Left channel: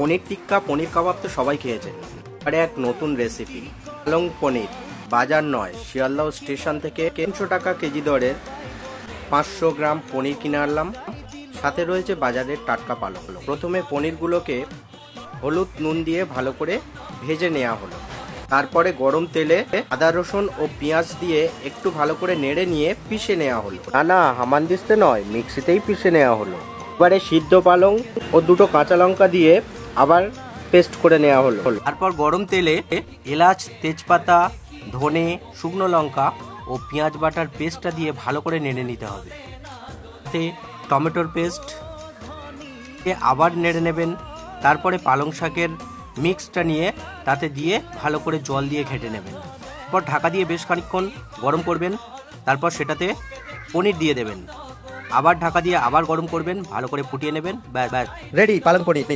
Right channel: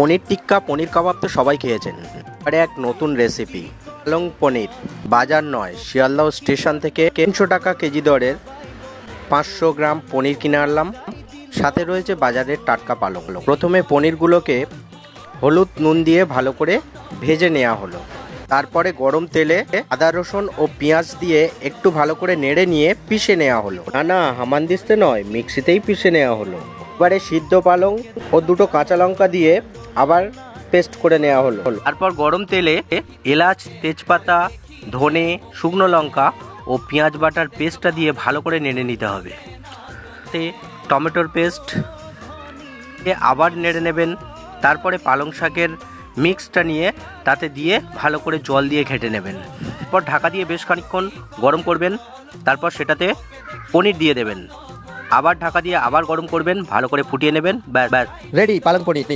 পনির টিক্কা পনির কাবাব তো সবাই খেয়েছেন, আর এক নতুন রেসিপি পালং পনির। বাজার নয়, শিয়ালদহ স্টেশন থেকে 300 টাকা কেজি দরের 500 গ্রাম পনির কিনে আনলাম। সাথে রয়েছে বাজারের টাটকা পালং। প্রথমে পনিরগুলোকে হলুদ নুন দিয়ে ভালো করে ভেজে নেওয়া হলো। তারপরে গরম তেলে আদা রসুন ও পেঁয়াজ দিয়ে একটু ভালো করে নেড়ে নিয়ে পিষে নেওয়া হলো। না হামানদিস্তে নয়, মিক্সিতেই পিষে নেওয়া হলো। এবারে সিদ্ধ পালং ও দুটো কাঁচা লঙ্কা দিয়ে আবার পেস্ট করে নেওয়া হলো। তারপর গরম তেলে এলাচ, তেজপাতা, ধনে, শুকনো লঙ্কা ও পেঁয়াজ বাটার পেস্টটা দিয়ে ভালো করে নেড়ে নিতে হবে। টমেটোর পেস্ট আবার নেড়ে নেবেন। তারপরে পালং শাকের মিক্সটা নিয়ে তাতে দিয়ে ভালো করে জল দিয়ে ঘেঁটে নেবেন। এরপর ঢাকা দিয়ে বেশ খানিকক্ষণ গরম করবেন। তারপর সেটাতে পনির দিয়ে দেবেন। আবার ঢাকা দিয়ে আবার গরম করবেন, ভালো করে ফুটিয়ে নেবেন। ব্যাস রেডি পালং পনির।